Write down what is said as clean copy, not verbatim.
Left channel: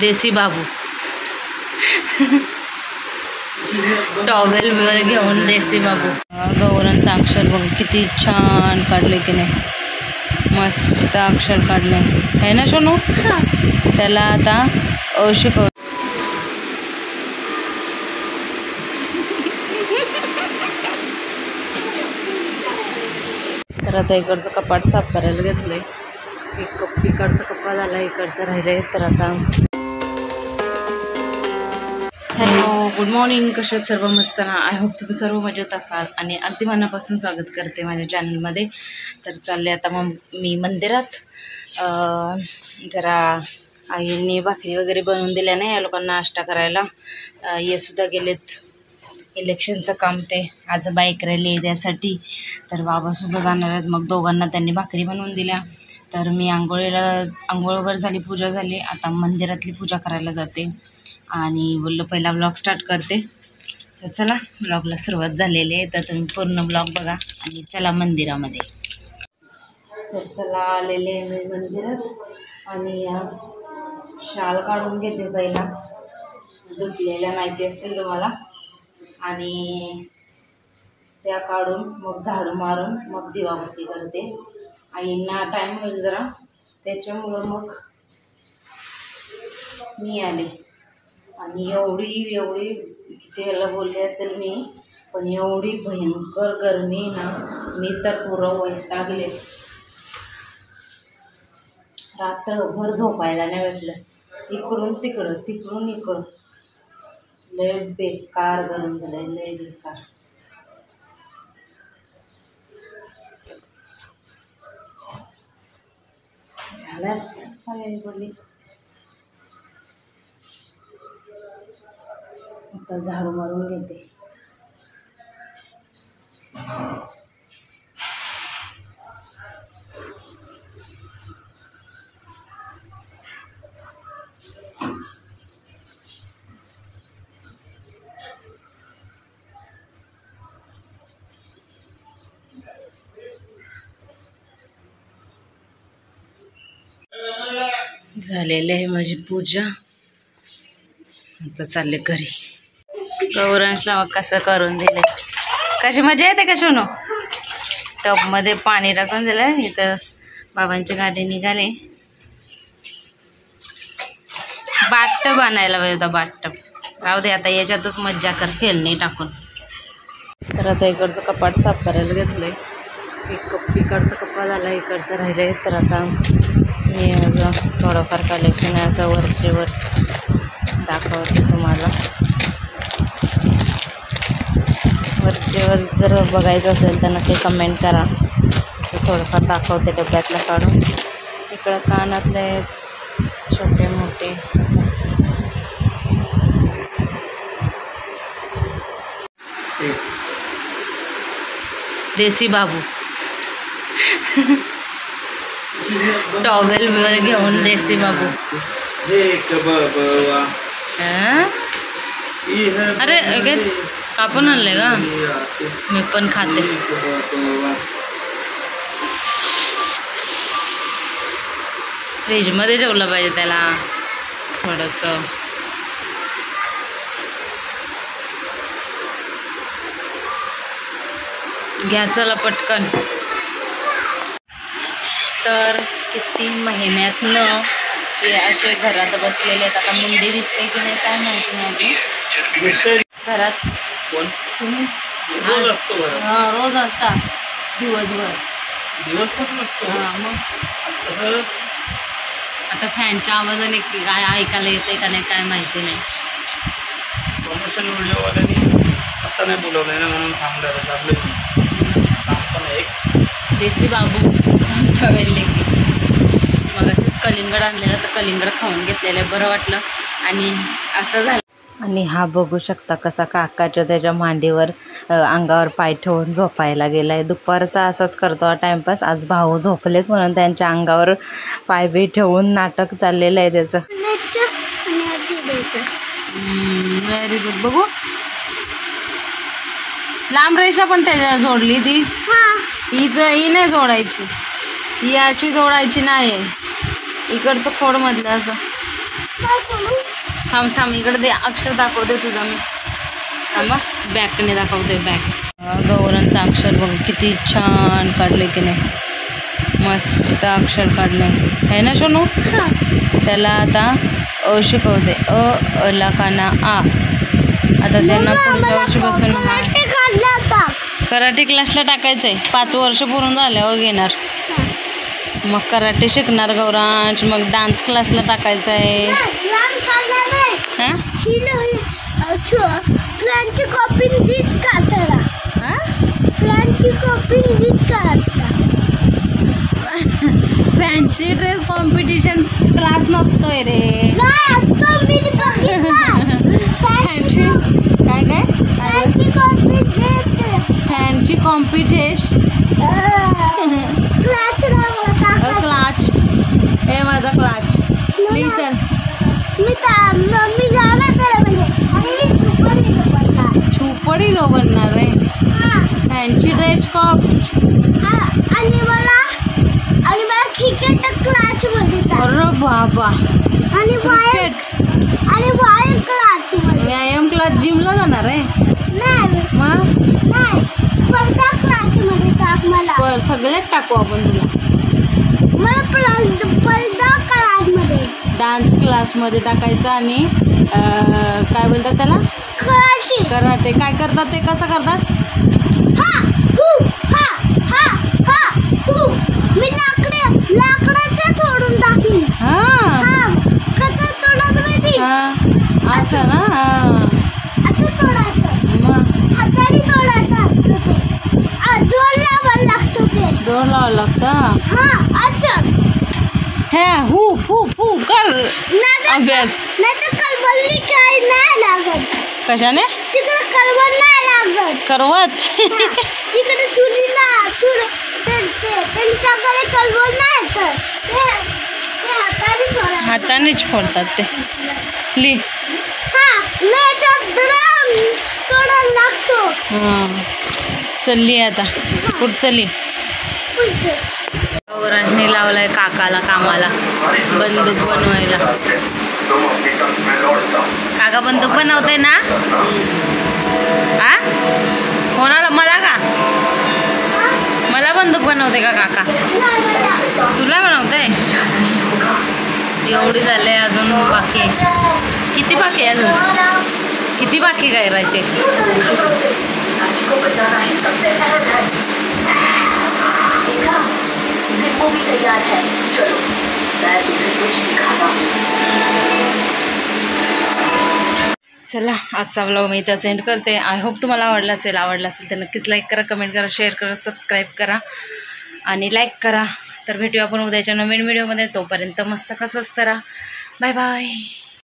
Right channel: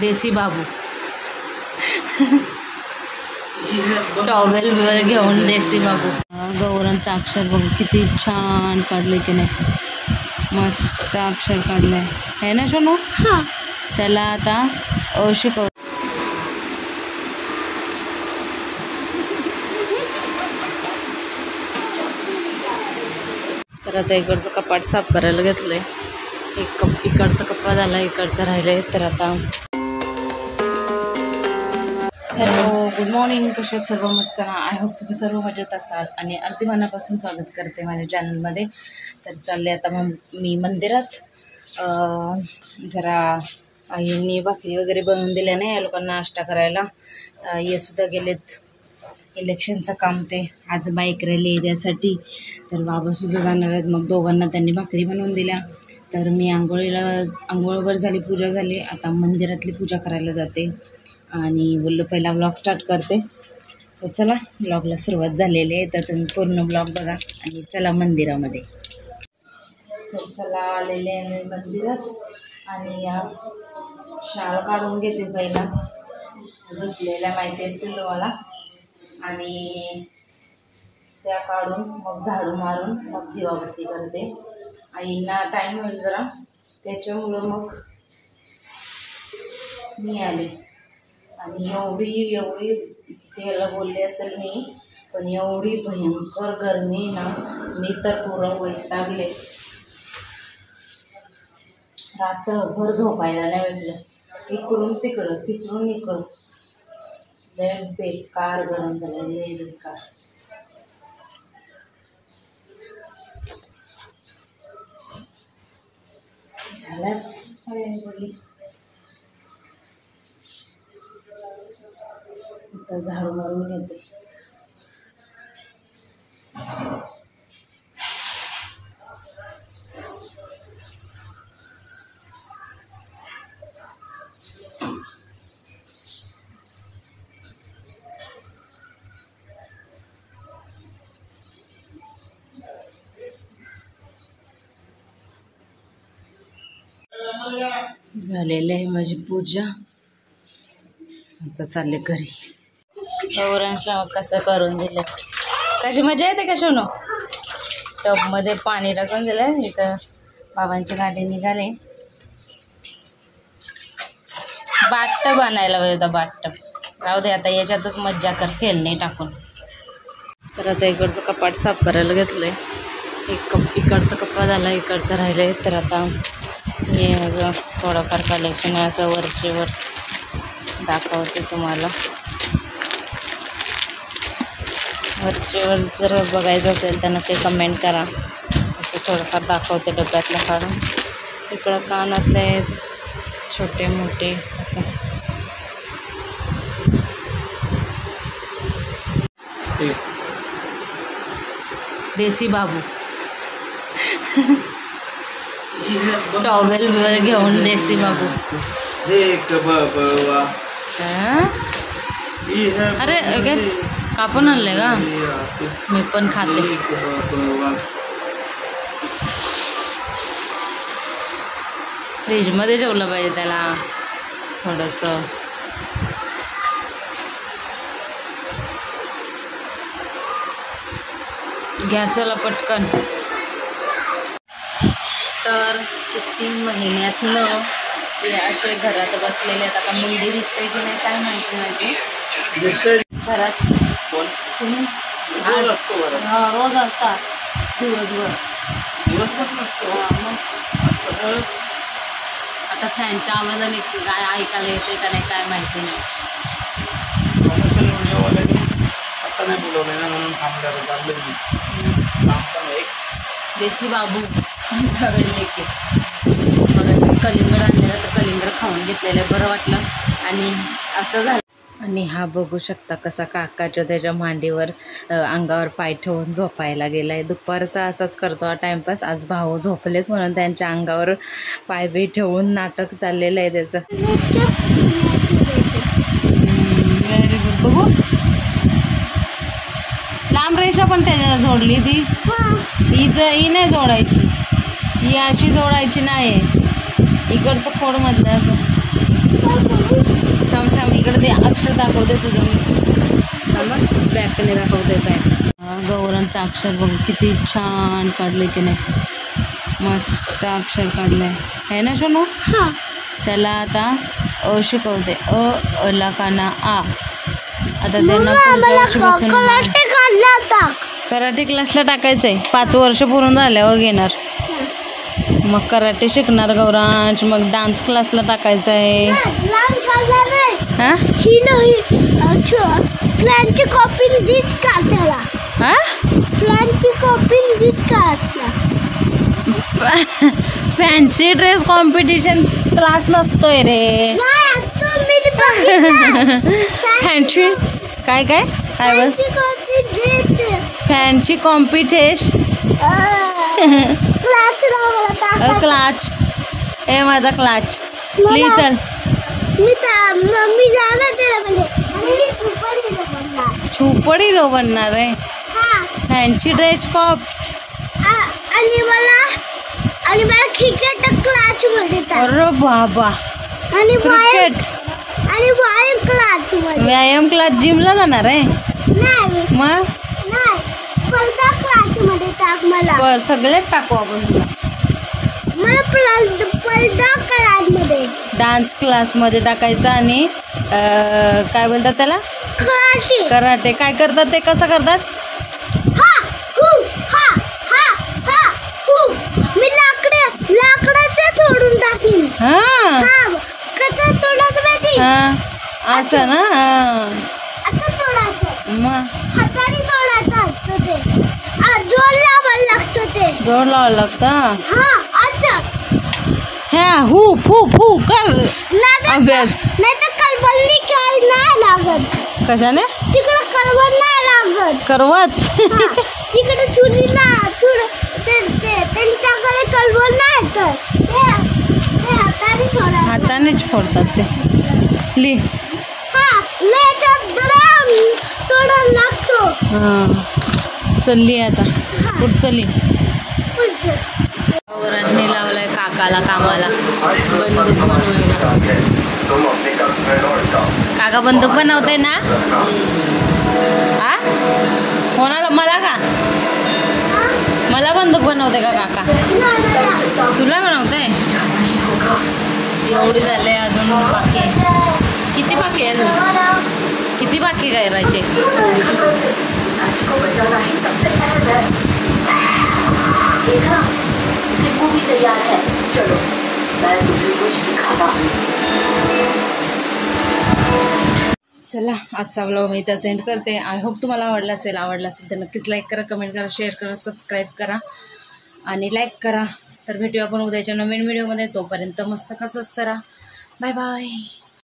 देसी बाबू towel घेऊन देसी बाबू. गौरांचं अक्षर बघ किती छान काढले की नाही, मस्त अक्षर काढले आहे ना सोनू. त्याला आता शिकव. तर आता इकडचं कपाट साफ करायला घेतलंय. इकडचा कप्पा झाला, इकडचं राहिलंय. तर आता हॅलो, गुड मॉर्निंग. कसे आहेत सर्व? मस्त ना. आय होप तुम्ही सर्व मजेत असाल आणि अगदी मनापासून स्वागत करते माझ्या चॅनलमध्ये. तर चालले आता मग मी मंदिरात. जरा आईंनी भाकरी वगैरे बनवून दिल्या नाही या लोकांना नाश्ता करायला. ये सुद्धा गेलेत इलेक्शनचं काम, ते आज बाईक रॅली आहे त्यासाठी. तर बाबासुद्धा जाणार आहेत. मग दोघांना त्यांनी भाकरी बनवून दिल्या. तर मी आंघोळ वगैरे झाली, पूजा झाली. आता मंदिरातली पूजा करायला जाते आणि बोललो पहिला ब्लॉग स्टार्ट करते. तर चला, ब्लॉगला सुरुवात झालेली आहे. तर तुम्ही पूर्ण ब्लॉग बघा आणि चला मंदिरामध्ये. तर चला, आलेले आहे मी मंदिरात आणि या शाल काढून घेते पहिला. धुतलेल्या माहिती असतील तुम्हाला. आणि त्या काढून मग झाडू मारून मग दिवाबत्ती करते. आईंना टाईम होईल जरा, त्याच्यामुळं मग मी आले. आणि एवढी किती वेळेला बोलले असेल मी, पण एवढी भयंकर गरमी ना, मी तर पुरं वैतागले. रात्रभर झोपायला नाही भेटलं. इकडून इकडं लय बेकार गरम झालंय, लय बेकार. झाल्यात पर्याय पडली. आता झाडू मारून घेते. झालेली आहे माझी पूजा. आता चालले घरी. गौरांशला मग कसं करून दिले, कशी मजा येते का सोनू. टबमध्ये पाणी टाकून दिलं. इथं बाबांची गाडी निघाले. बाथटब आणायला पाहिजे होता, बाथटब. राहू दे आता, याच्यातच मज्जा कर खेळणे टाकून. तर आता इकडचं कपाट साफ करायला घेतलंय. इकडचा कप्पा झाला, इकडचं राहिलंय. तर आता मी थोडंफार कलेक्शन आहे असं वरचेवर दाखवते तुम्हाला. वरचेवर जर बघायचं असेल तर नक्की कमेंट करा. असं थोडंफार दाखवते डब्यातलं काढून. इकडं कानातले छोटे मोठे असं. देसी बाबू टॉवेल घेऊन देसी बाबू. अरे कापून आणले का? मी पण खाते. फ्रीजमध्ये ठेवलं पाहिजे त्याला थोडंसं. घ्या चला पटकन. तर किती महिन्यातनं ते असे घरात बसलेले आहेत. आता मुंडी दिसते की नाही काय माहिती नाही. घरात कोण तुम्ही? रोज असतो. हां, रोज असता दिवसभर नसतो. हां, मग कसं आता फॅनच्या आवाजाने काय ऐकायला येते का नाही काय माहिती नाही. प्रमोशन व्हिडिओवाल्याने आत्ता नाही बोलवलं ना, म्हणून थांबलं. चाललं की काम पण एक देसी बाबू ठवेल की. मग असेच कलिंगड आणलेलं, तर कलिंगड खाऊन घेतलेलं बरं वाटलं. आणि असं झालं. आणि हा बघू शकता कसा काकाच्या त्याच्या मांडीवर अंगावर पाय ठेवून झोपायला गेला आहे. दुपारचा असाच करतो हा टाईमपास. आज भाऊ झोपलेत म्हणून त्यांच्या अंगावर पाय बी ठेवून नाटक चाललेलं आहे त्याचं. Very good. बघू लांब रेषा पण त्याच्या जोडली ती. ही नाही जोडायची, ही अशी जोडायची नाही. इकडचं खोड मधलं असं. थांब थांब, इकडे ते अक्षर दाखवते तुझं मी. थांबा, बॅकने दाखवते बॅक. गौरांचं अक्षर बघ किती छान काढले की नाही, मस्त अक्षर काढले आहे ना सोनू. त्याला आता अ शिकवते, अ ला काना आ. आता त्यांना पुढच्या वर्षीपासून कराटे क्लासला टाकायचंय. 5 वर्ष पूर्ण झाल्यावर घेणार. मग कराटे शिकणार गौरांश, मग डान्स क्लासला टाकायचं आहे. हां प्लॅनची कॉपी दीच का त्याला. प्लॅनची कॉपी दीच का. फॅन्सी ड्रेस कॉम्पिटिशन क्लास नसतोय रे. फॅन्सी काय काय फॅन्सी कॉम्पिटिशन क्लाच. हे माझा क्लाच प्लीज चल. मी जाणार त्याला म्हणजे सुपर हिरो बनणार आहे. Fancy dress cops. आणि मला क्रिकेट क्लास मध्ये. अरे बाबा, आणि क्रिकेट आणि व्यायाम क्लास मध्ये. व्यायाम क्लास जिमला जाणार आहे. नाही मग नाही, स्पर्धा क्लास मध्ये टाक मला. सगळ्यात टाकू आपण तुला. मला स्पर्धा क्लास मध्ये, डान्स क्लास मध्ये टाकायचं. आणि काय बोलतात त्याला, कराटे. कराटे काय करतात ते, कसं करतात. मी लाकडाचं सोडून टाकीन. कसं तोडायचं माहिती. असं ना. असं तोडायचं, मग हाताने तोडायचं असतं ते. जोर लावायला लागतं ते. जोर लावायला लागतं. अच्छा. ह्या हू फू फू कर अभ्यास. नाही तर करवली काय नाही लागत. कशाने. तिकडे करवत नाही लागत. करवत. तिकडे चुली ना त्यांच्याकडे करवत नाही तर ते हातानेच फोडतात ते. ली तोडायला लागतो. चलली आता कुठं चली. गौरांनी लावलाय काकाला कामाला बंदूक बनवायला. काका बंदूक बनवते ना. कोणाला, मला का. मला बंदूक बनवते का काका. तुला बनवते. एवढी झाले अजून बाकी आहे. किती बाकी आहे अजून, किती बाकी करायचे. तैयार है, चलो मैं तुम्हें कुछ दिखाता हूँ. चला, आजचा व्लॉग मी इथं सेंड करते. आय होप तुम्हाला आवडला असेल तर नक्कीच लाईक करा, कमेंट करा, शेअर करा, सबस्क्राईब करा आणि लाईक करा. तर भेटूया आपण उद्याच्या नवीन व्हिडिओमध्ये. तोपर्यंत मस्त का स्वस्त राहा. Bye bye.